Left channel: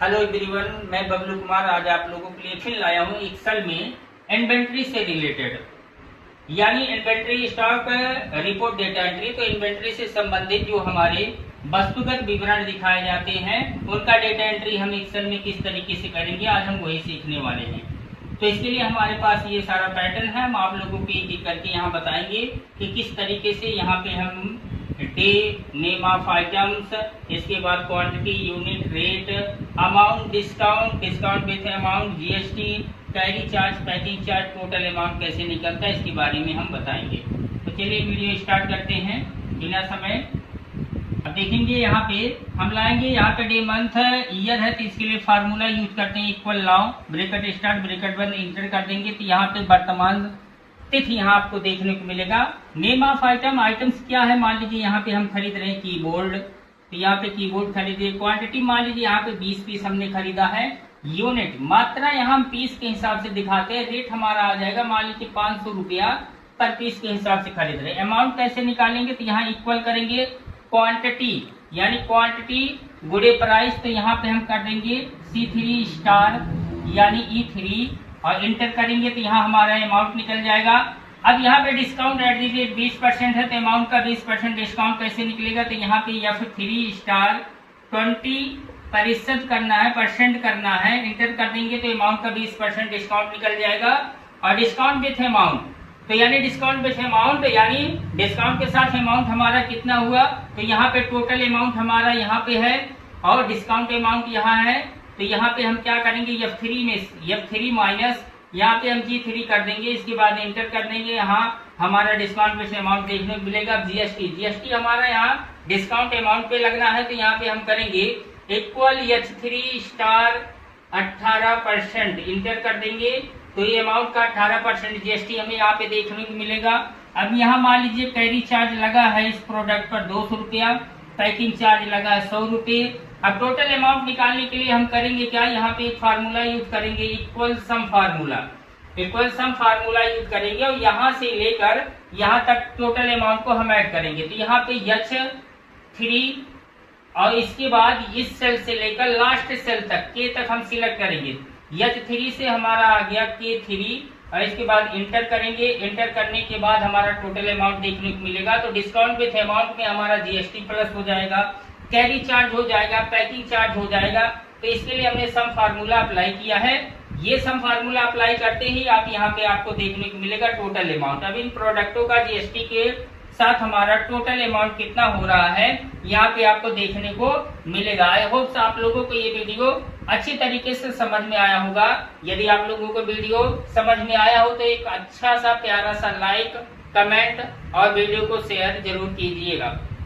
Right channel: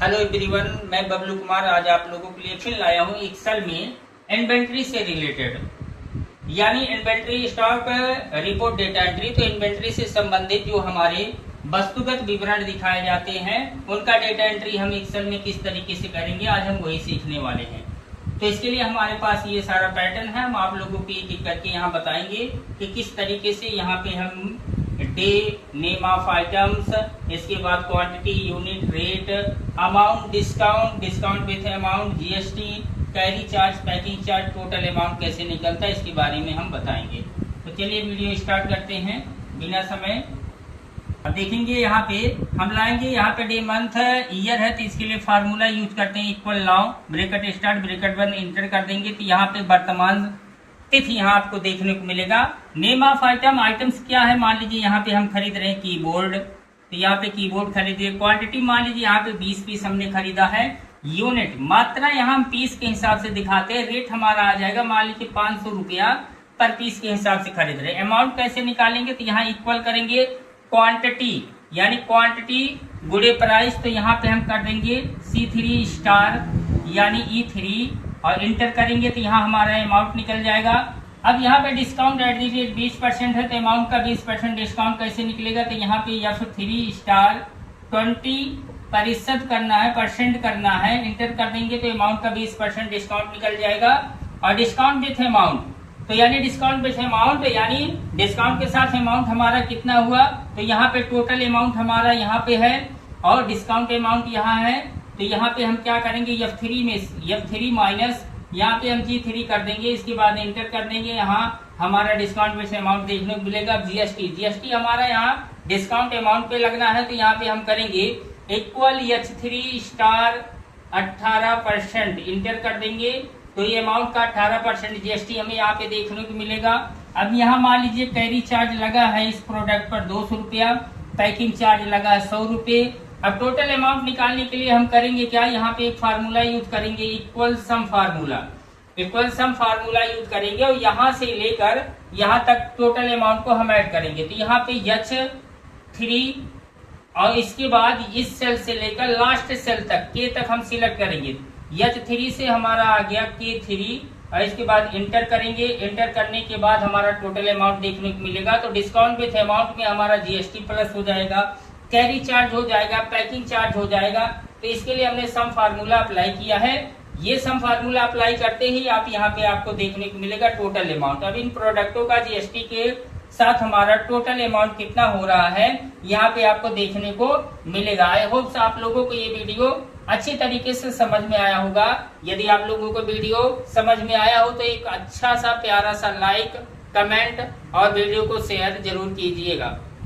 Hello everyone, मैं बबलू कुमार आज आप लोगों के लिए फिर लाया हूँ एक्सेल में इन्वेंट्री से रिलेटेड यानी inventory stock report data entry. तो इन्वेंट्री से संबंधित जो हमारे वस्तुगत विवरण दिखाए जाते हैं उनका डेटा एंट्री हम एक्सेल में किस तरीके से करेंगे, आज हम वही सीखने वाले हैं। तो इसके लिए हमारे पास ये सारा पैटर्न है, हम आप लोगों को एक एक करके यहाँ बताएंगे कि किस तरीके से यहाँ पे हम डे, नेम ऑफ आइटम्स, इसके बाद quantity, unit, rate, amount, discount, discount with amount, GST, carry charge, packing charge, total amount कैसे निकलता है इसके बारे में हम बताएंगे। तो चलिए वीडियो स्टार्ट करते हैं बिना समय। अब देखेंगे यहाँ पे हम लाएंगे, यहाँ पे डे, मंथ, ईयर है तो इसके लिए फार्मूला यूज करते हैं equal now, bracket start, bracket बंद, इंटर कर देंगे तो यहाँ पे वर्तमान तिथि यहाँ आपको देखने को मिलेगा। नेम ऑफ आइटम, आइटम्स क्या है, मान लीजिए यहाँ पे हम खरीद रहे हैं कीबोर्ड, तो यहाँ पे कीबोर्ड खरीदे। क्वांटिटी मान लीजिए यहाँ पे 20 पीस हमने खरीदा है। यूनिट, मात्रा यहाँ हम पीस के हिसाब से दिखाते हैं। रेट हमारा आ जाएगा मान लीजिए 500 रुपया पर पीस के हिसाब से खरीद रहे हैं। अमाउंट कैसे निकालेंगे, तो यहाँ इक्वल करेंगे क्वांटिटी यानी क्वांटिटी गुड़े प्राइस, तो यहाँ पे हम कर देंगे C3 स्टार यानी E3 और इंटर करेंगे तो यहाँ हमारा अमाउंट निकल जाएगा। अब यहाँ पे डिस्काउंट एट दी रेट 20% है तो अमाउंट का 20% डिस्काउंट कैसे निकलेगा, तो यहाँ पे F3 स्टार 20% करना है, परसेंट करना है, इंटर कर देंगे तो अमाउंट का 20% डिस्काउंट निकल जाएगा। और डिस्काउंट विथ अमाउंट, तो यानी डिस्काउंट विथ अमाउंट यानी डिस्काउंट के साथ अमाउंट हमारा कितना हुआ, तो यहाँ पे टोटल अमाउंट हमारा यहाँ पे है और डिस्काउंट अमाउंट यहाँ है। तो यहाँ पे हम क्या करेंगे, F3 में F3 माइनस यहाँ पे हम G3 कर देंगे, इसके बाद इंटर कर देंगे। यहाँ हमारा डिस्काउंट में से अमाउंट देखने को मिलेगा। जीएसटी हमारा यहाँ डिस्काउंट अमाउंट पे लगना है तो यहाँ पे हम करेंगे इक्वल H3 स्टार 18%, इंटर कर देंगे तो ये अमाउंट का 18% जीएसटी हमें यहाँ पे देखने को मिलेगा। अब यहाँ मान लीजिए कैरी चार्ज लगा है इस प्रोडक्ट पर 200 रुपया, पैकिंग चार्ज लगा है 100 रुपये। अब टोटल अमाउंट निकालने के लिए हम करेंगे क्या, यहाँ पे एक फार्मूला यूज करेंगे इक्वल सम फार्मूला, इक्वल सम फार्मूला यूज करेंगे और यहाँ से लेकर यहाँ तक टोटल अमाउंट को हम ऐड करेंगे। तो यहाँ पे H3 और इसके बाद इस सेल से लेकर लास्ट सेल तक K तक हम सिलेक्ट करेंगे। H3 से हमारा आ गया K3 और इसके बाद इंटर करेंगे। इंटर करने के बाद हमारा टोटल अमाउंट देखने को मिलेगा। तो डिस्काउंट विथ अमाउंट में हमारा जीएसटी प्लस हो जाएगा, कैरी चार्ज हो जाएगा, पैकिंग चार्ज हो जाएगा। तो इसके लिए हमने सम फार्मूला अप्लाई किया है। ये सम फार्मूला अप्लाई करते ही आप यहाँ पे आपको देखने को मिलेगा टोटल अमाउंट। अब इन प्रोडक्टों का जीएसटी के साथ हमारा टोटल अमाउंट कितना हो रहा है यहाँ पे आपको देखने को मिलेगा। आई होप आप लोगों को ये वीडियो अच्छी तरीके से समझ में आया होगा। यदि आप लोगों को वीडियो समझ में आया हो तो एक अच्छा सा प्यारा सा लाइक, कमेंट और वीडियो को शेयर जरूर कीजिएगा।